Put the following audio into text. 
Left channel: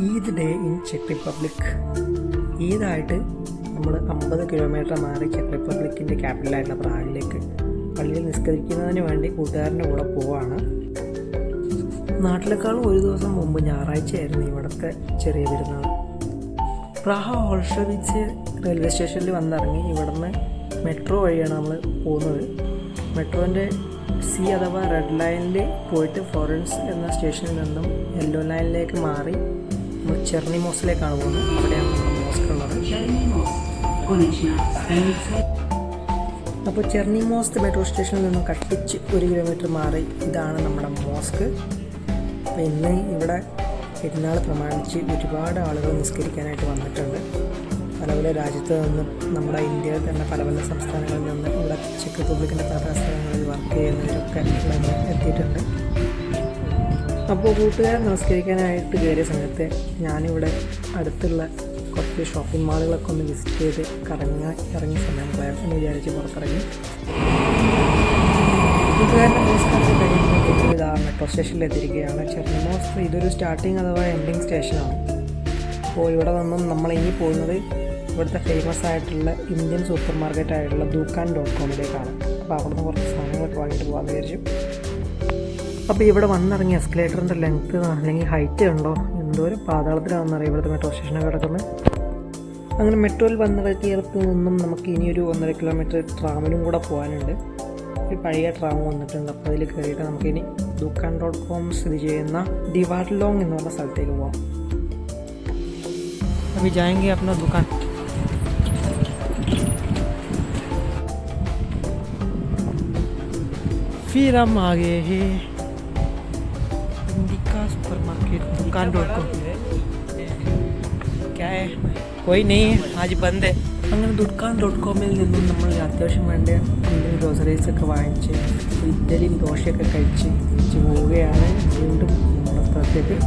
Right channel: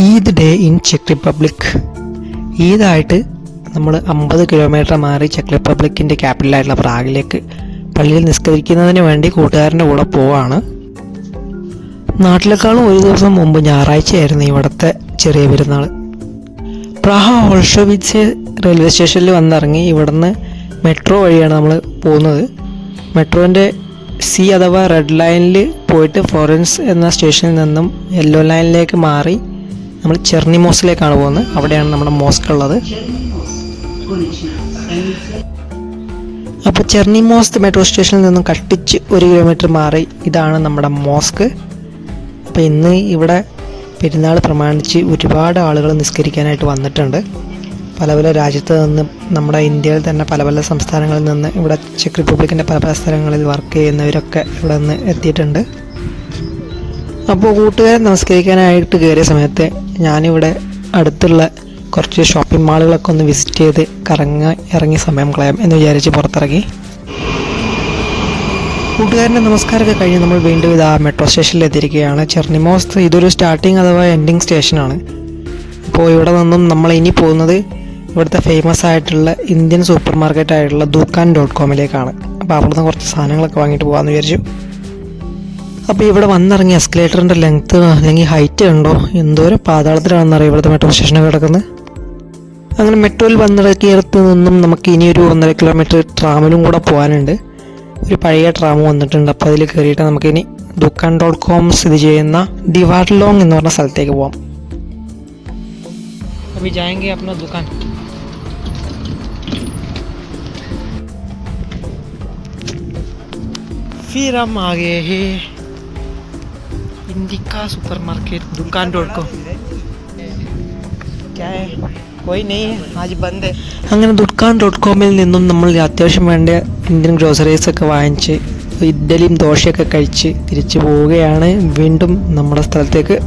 Eid day in ചെക്ക് Republic. ഈദായിട്ട് നമ്മൾ അമ്പത് കിലോമീറ്റർ മാറി ചെക്ക് റിപ്പബ്ലിക്കിന്റെ ക്യാപിറ്റലായിട്ടുള്ള പ്രാഗിലേക്ക് പള്ളിയിൽ നിസ്കരിക്കുന്നതിന് വേണ്ടി കൂട്ടുകാരന്റെ കൂടെ പോവാണ്. നാട്ടിലേക്കാളും ഒരു ദിവസം മുമ്പ് ഞായറാഴ്ചയായിരുന്നു ഇവിടുത്തെ ചെറിയ പെരുന്നാൾ പ്രാഹ ഓൾഷോവിറ്റ്സ് റെയിൽവേ സ്റ്റേഷനിൽ വന്നിറങ്ങി ഇവിടുന്ന് മെട്രോ വഴിയാണ് നമ്മൾ പോകുന്നത്. മെട്രോന്റെ സി അഥവാ റെഡ് ലൈനിൽ പോയിട്ട് ഫോറൻസ് എന്ന സ്റ്റേഷനിൽ നിന്നും യെല്ലോ ലൈനിലേക്ക് മാറി നമ്മൾ ചെർണിമോസിലേക്കാണ് പോകുന്നത്. അവിടെയാണ് നമ്മുടെ മോസ്ക് ഉള്ളത് അപ്പോൾ ചെർണിമോസ് മെട്രോ സ്റ്റേഷനിൽ നിന്നും കട്ടിച്ച് ഒരു കിലോമീറ്റർ മാറി ഇതാണ് നമ്മുടെ മോസ്ക്. അപ്പോൾ ഇന്ന് ഇവിടെ പെരുന്നാൾ പ്രമാണിച്ച് ഒരുപാട് ആളുകൾ നിസ്കരിക്കാനായിട്ട് വന്നിട്ടുണ്ട്. പല പല രാജ്യത്ത് നിന്നും നമ്മുടെ ഇന്ത്യയിൽ തന്നെ പല പല സംസ്ഥാനങ്ങളിൽ നിന്ന് ഇവിടെ ചെക്ക് റിപ്പബ്ലിക്കിന്റെ പല പല സ്ഥലങ്ങളിൽ വർക്ക് ചെയ്യുന്നവരൊക്കെ ഇവിടെ നിന്ന് എത്തിയിട്ടുണ്ട്. അപ്പോൾ കൂട്ടുകാരൻ നമസ്കരിക്കാനായിട്ട് കയറിയ സമയത്ത് ഞാനിവിടെ അടുത്തുള്ള കുറച്ച് ഷോപ്പിംഗ് മാളുകളൊക്കെ ഒന്ന് വിസിറ്റ് ചെയ്ത് കറങ്ങ ഇറങ്ങി സമയം കളയാം എന്ന് വിചാരിച്ച് പുറത്തിറങ്ങി. കൂട്ടുകാരന്റെ നമസ്കാരമൊക്കെ കഴിഞ്ഞ് നമ്മൾ വീണ്ടും ഇത് ആ മെട്രോ സ്റ്റേഷനിൽ എത്തിയിരിക്കുകയാണ്. ചെർണിമോസ് ഇതൊരു സ്റ്റാർട്ടിങ് അഥവാ എൻഡിങ് സ്റ്റേഷനാണ് അപ്പോൾ ഇവിടെ നിന്നും നമ്മൾ ഇനി പോകുന്നത് ഇവിടുത്തെ ഫേമസ് ആയിട്ടുള്ള ഇന്ത്യൻ സൂപ്പർ മാർക്കറ്റ് ആയിട്ടുള്ള ദുക്കാൻ ഡോട്ട് കോമിലേക്കാണ് അപ്പോൾ അവിടുന്ന് കുറച്ച് സാധനങ്ങളൊക്കെ വാങ്ങിയിട്ട് പോകാമെന്ന് വിചാരിച്ചു. അപ്പോൾ ഇവിടെ വന്നിറങ്ങിയ എസ്കലേറ്ററിന്റെ ലെങ്ത്ത് അല്ലെങ്കിൽ ഹൈറ്റ് ഉണ്ടോ? എന്തോരം പാതാളത്തിലാണെന്നറിയാം ഇവിടുത്തെ മെട്രോ സ്റ്റേഷനിൽ കിടക്കുന്നത് അങ്ങനെ മെട്രോയിൽ വന്നിറക്കിയടത്ത് നിന്നും നമുക്ക് ഇനിയൊരു ഒന്നര കിലോമീറ്റർ ട്രാമിലും കൂടെ പോകാനുണ്ട്. ഒരു പഴയ ട്രാം വന്നിട്ടുണ്ട്. അപ്പോൾ അതിൽ കയറിയിട്ട് നമുക്കിനി ദുക്കാൻ ഡോട്ട് കോം സ്ഥിതി ചെയ്യുന്ന ദിവാർലോങ് എന്ന് പറഞ്ഞ സ്ഥലത്തേക്ക് പോകാം അഭി ജായെങ്കി അപ്ന ഫിർ ഹം ആകെ गए हैं इंडिका सुपर मार्केट दुकान डॉट कॉम क्या है कोई नहीं है आज बंद है അങ്ങനെ ദുക്കാൻ ഡോട്ട് കോമിൽ നിന്നും നമ്മൾ അത്യാവശ്യം വേണ്ട ഇന്ത്യൻ ഗ്രോസറീസ് ഒക്കെ വാങ്ങിച്ച് ഇഡ്ഡലിയും ദോശയൊക്കെ കഴിച്ച് തിരിച്ചു പോവുകയാണ് വീണ്ടും നമ്മുടെ സ്ഥലത്തേക്ക്